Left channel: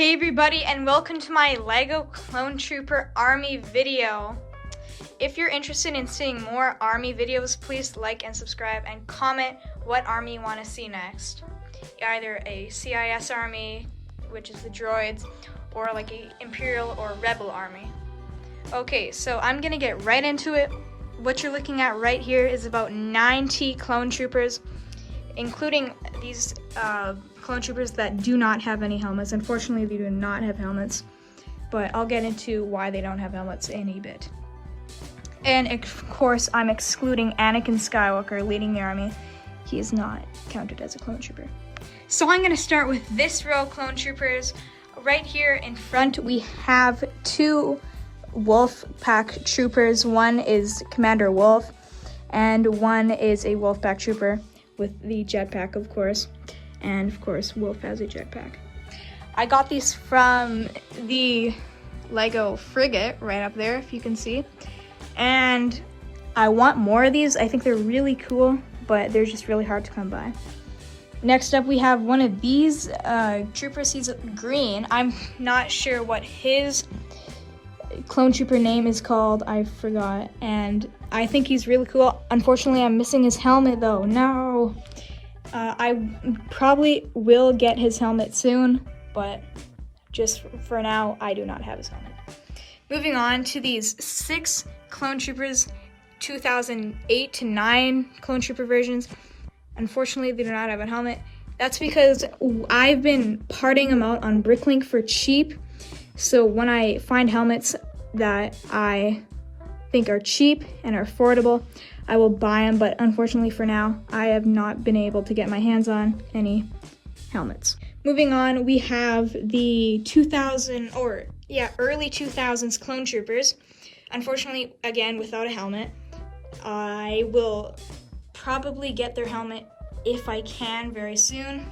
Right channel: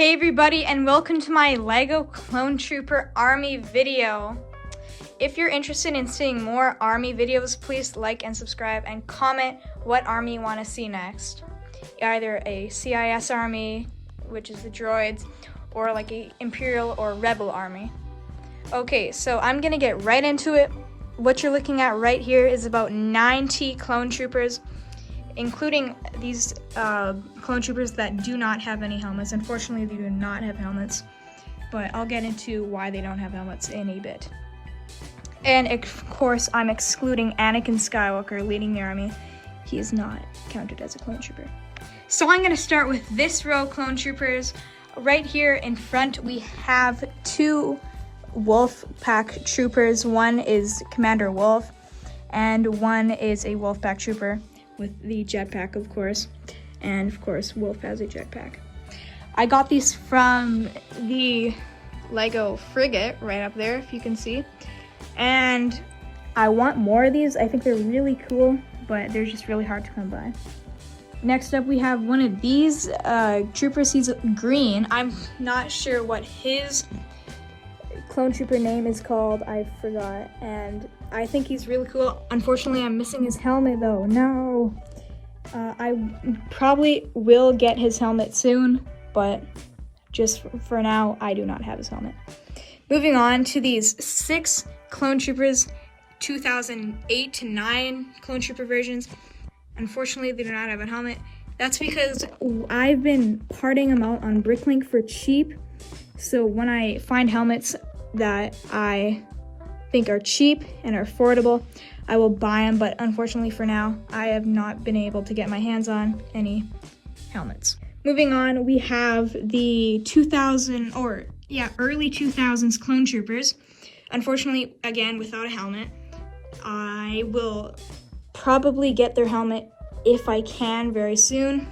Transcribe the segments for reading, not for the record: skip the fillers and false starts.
Hey everybody, and welcome to my LEGO Clone Trooper Army video. If you're interested in seeing more Army videos, please like and subscribe and comment what Army you want to see next. Either a CIS Army, which is the droids, or like a Imperial or Rebel Army. Okay, so I'm gonna get right into it. What you're looking at right here is about 90 Clone Troopers, including these Clone Troopers that do not have any helmets. Unfortunately, they do not have helmets, but I'll get into why they don't have helmets in a bit. And of course, I'm excluding Anakin Skywalker leading the army. He is not counted as a Clone Trooper. So I'm gonna start with this row of Clone Troopers. Right here in front, we have two Wolf Pack Troopers. One is Commander Wolf, and one is a Wolf Pack Trooper with the jetpack, of course. And of course, Wolf has a jetpack. I got these from the LEGO Frigate right up there, if you can see. And I want more of these. I think they're really cool, but they're just really hard to come by. Next up, we have one of these troopers. He's green. I'm not sure what his Clone Trooper name is called. I forgot. And I think he's really cool. Unfortunately, I'm missing his helmet though. No. I probably will get his helmet soon, but just for now, I do not have his helmet. Moving on to these 6 Clone Troopers, 2008 to 9 Clone Trooper versions. Unfortunately, they do not have a helmet. That's because I've been parting them out on Bricklink for cheap. So when I find helmets that I think are cheap and are affordable, I will buy them, but unfortunately for now, I have not been able to get my hands on any helmets. Moving on, we have the early 2000s Clone Troopers. Unfortunately, again, without a helmet. I will probably get their helmet if I can very soon.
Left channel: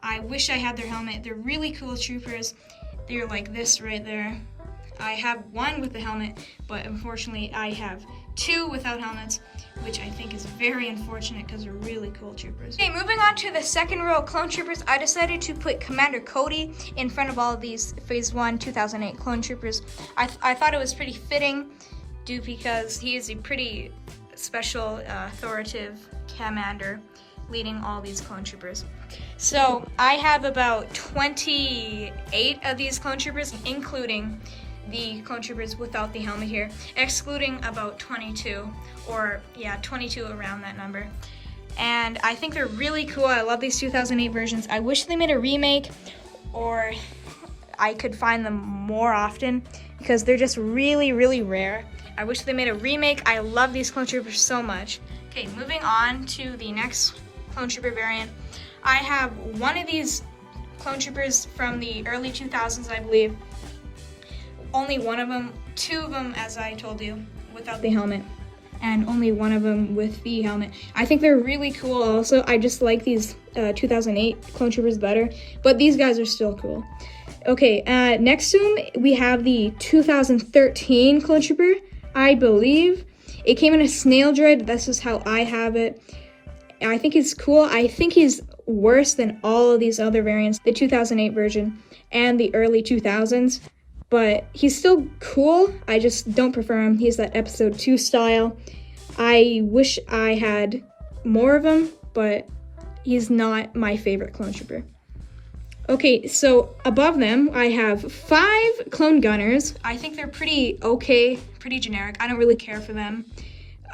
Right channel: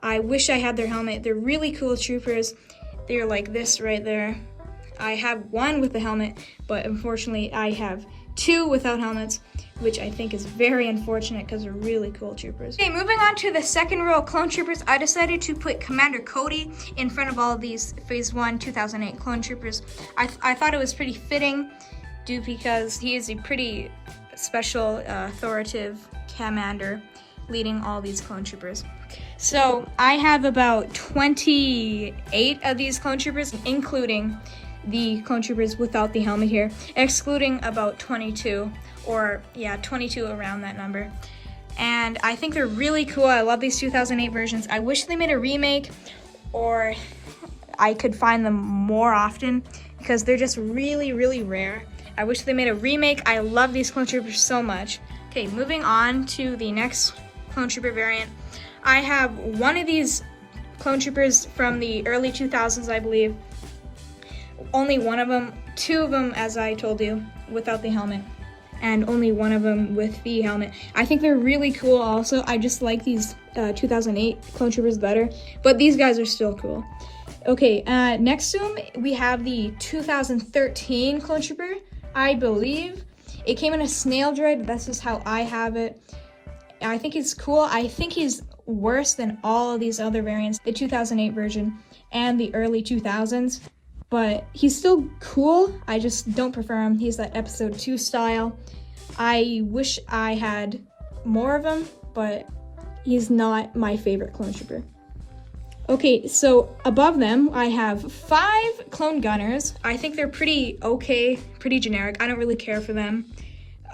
I wish I had their helmet. They're really cool troopers. They're like this right there. I have one with a helmet, but unfortunately I have 2 without helmets, which I think is very unfortunate because they're really cool troopers. Okay, moving on to the second row of Clone Troopers, I decided to put Commander Cody in front of all of these Phase 1 2008 Clone Troopers. I thought it was pretty fitting because he is a pretty special, authoritative commander leading all these Clone Troopers. So I have about 28 of these Clone Troopers, including the Clone Troopers without the helmet here, excluding about 22, or yeah, 22 around that number. And I think they're really cool. I love these 2008 versions. I wish they made a remake, or I could find them more often because they're just really, really rare. I wish they made a remake. I love these Clone Troopers so much. Okay, moving on to the next Clone Trooper variant. I have one of these Clone Troopers from the early 2000s, I believe. Only one of them, 2 of them, as I told you, without the helmet, and only one of them with the helmet. I think they're really cool also. I just like these 2008 Clone Troopers better, but these guys are still cool. Okay, next to them, we have the 2013 Clone Trooper, I believe. It came in a snail droid. This is how I have it. I think it's cool. I think he's worse than all of these other variants, the 2008 version and the early 2000s. But he's still cool. I just don't prefer him. He's that episode 2 style. I wish I had more of him, but he's not my favorite Clone Trooper. Okay, so above them, I have 5 Clone Gunners. I think they're pretty okay, pretty generic. I don't really care for them,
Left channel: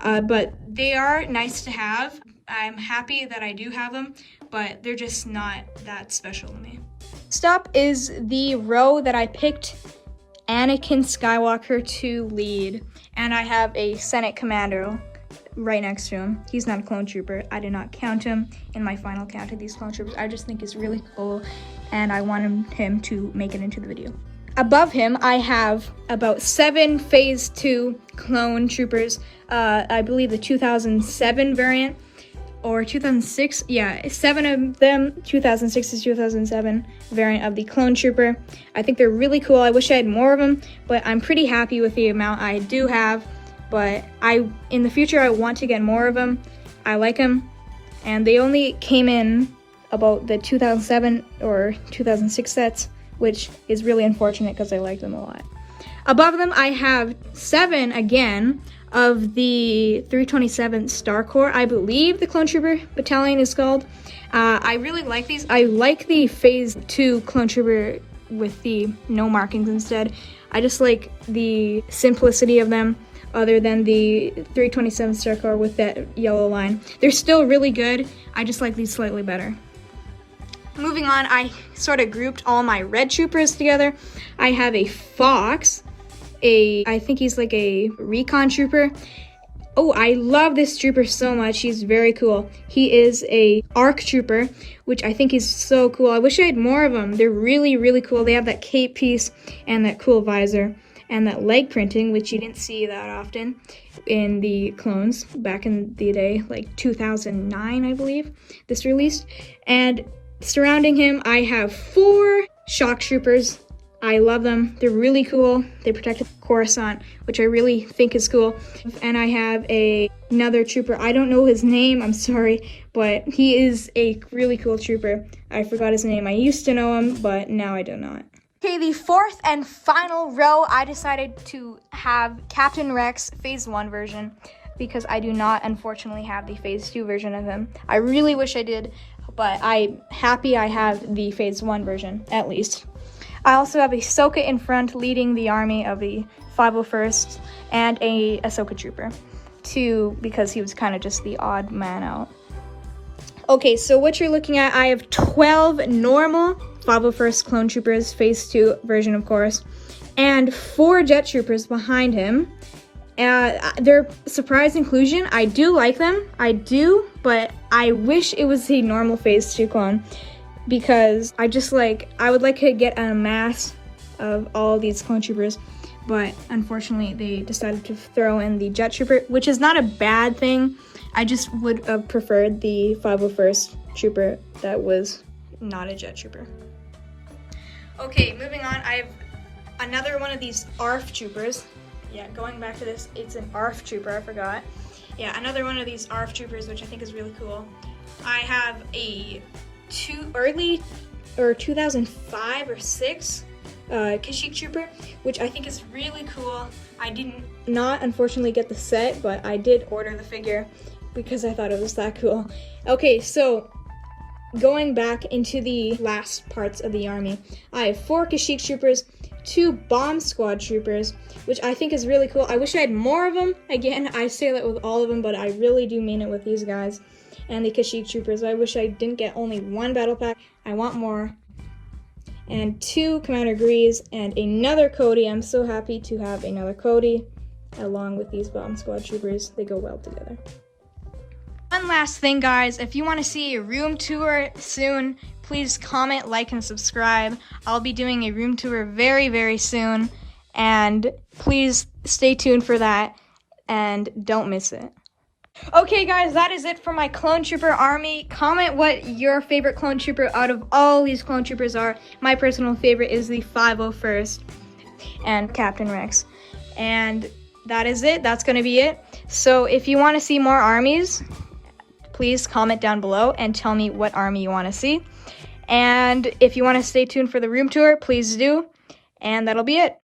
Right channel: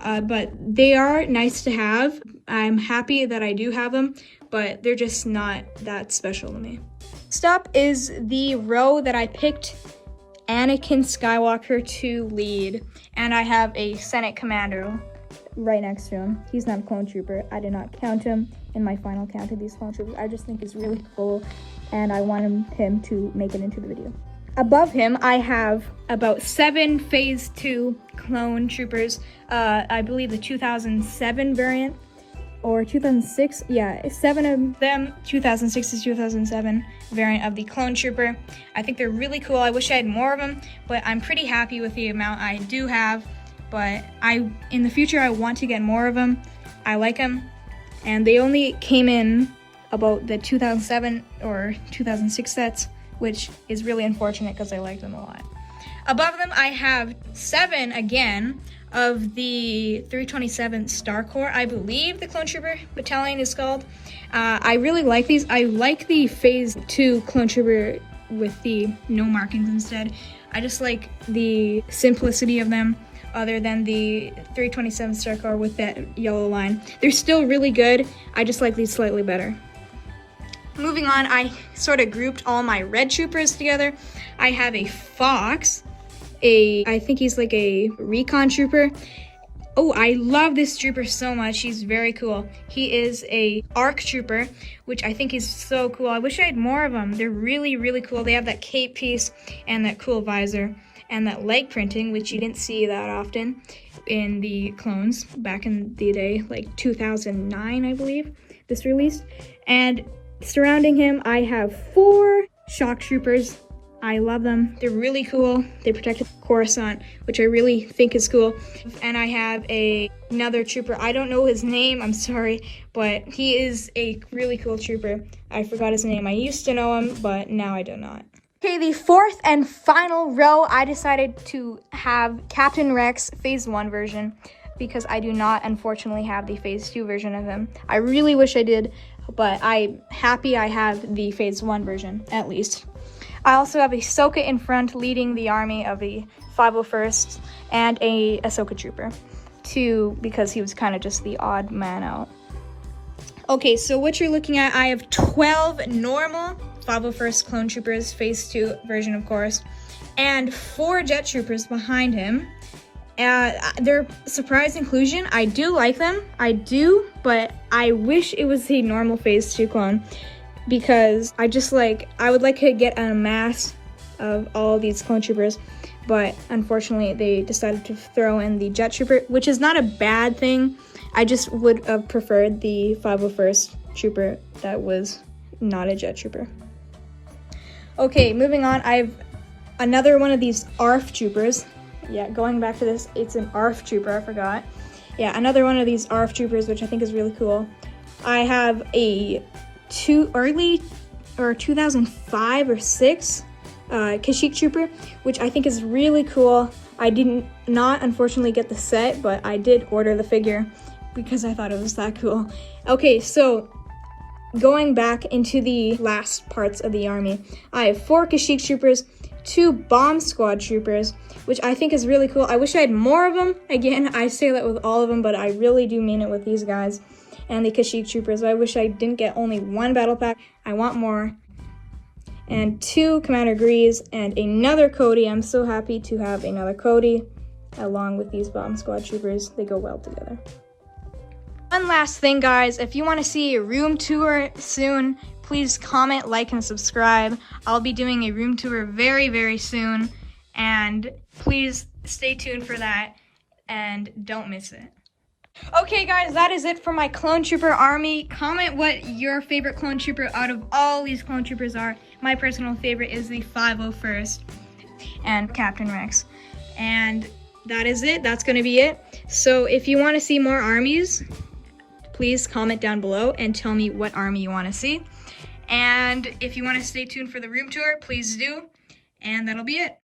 but they are nice to have. I'm happy that I do have them, but they're just not that special to me. Next up is the row that I picked Anakin Skywalker to lead, and I have a Senate Commander right next to him. He's not a Clone Trooper. I did not count him in my final count of these Clone Troopers. I just think he's really cool, and I want him to make it into the video. Above him, I have about 7 Phase 2 Clone Troopers. I believe the 2007 variant, or 2006, yeah, 7 of them, 2006 to 2007 variant of the Clone Trooper. I think they're really cool. I wish I had more of them, but I'm pretty happy with the amount I do have. But in the future, I want to get more of them. I like them, and they only came in about the 2007 or 2006 sets which is really unfortunate because I like them a lot. Above them, I have 7 again of the 327 Star Corps. I believe the Clone Trooper Battalion is called. I really like these. I like the Phase 2 Clone Trooper with the no markings instead. I just like the simplicity of them, other than the 327 Star Corps with that yellow line. They're still really good. I just like these slightly better. Moving on, I sort of grouped all my red troopers together. I have a Fox, I think he's like a recon trooper. Oh, I love this trooper so much. He's very cool. He is a ARC trooper, which I think is so cool. I wish I had more of them. They're really, really cool. They have that cape piece and that cool visor and that leg printing, which you didn't see that often in the clones back in the day, like 2009, I believe, this released. And surrounding him, I have 4 shock troopers. I love them. They're really cool. They protect Coruscant, which I really think is cool. And I have another trooper. I don't know his name, I'm sorry, but he is a really cool trooper. I forgot his name. I used to know him, but now I do not. Okay, the 4th and final row, I decided to have Captain Rex Phase 1 version because I do not, unfortunately, have the Phase 2 version of him. I really wish I did, but I'm happy I have the Phase 1 version, at least. I also have Ahsoka in front leading the army of the 501st and a Ahsoka trooper, too, because he was kind of just the odd man out. Okay, so what you're looking at, I have 12 normal 501st clone troopers, Phase 2 version, of course, and 4 jet troopers behind him. They're surprise inclusion. I do like them, I do, but I wish it was a normal Phase 2 clone, because I would like to get a mass of all of these clone troopers, but unfortunately they decided to throw in the jet trooper, which is not a bad thing. I just would have preferred the 501st trooper that was not a jet trooper. Okay, moving on, I have another one of these ARF troopers. Yeah, going back to this, it's an ARF trooper, I forgot. Yeah, another one of these ARF troopers, which I think is really cool. I have a early 2005 or 6 Kashyyyk Trooper, which I think is really cool. I did not unfortunately get the set, but I did order the figure because I thought it was that cool. Okay, so going back into the last parts of the army, I have 4 Kashyyyk Troopers, 2 Bomb Squad Troopers, which I think is really cool. I wish I had more of them. Again, I say that with all of them, but I really do mean it with these guys. And the Kashyyyk Troopers. I wish I didn't get only 1 battle pack. I want more. And 2 Commander Greaves and another Cody. I'm so happy to have another Cody along with these Bomb Squad Troopers. They go well together. One last thing, guys. If you want to see a room tour soon, please comment, like, and subscribe. I'll be doing a room tour very, very soon. And please stay tuned for that and don't miss it. Okay, guys, that is it for my Clone Trooper army. Comment what your favorite Clone Trooper out of all these Clone Troopers are. My personal favorite is the 501st and Captain Rex. And that is it. That's going to be it. So if you want to see more armies, please comment down below and tell me what army you want to see. And if you want to stay tuned for the room tour, please do. And that'll be it.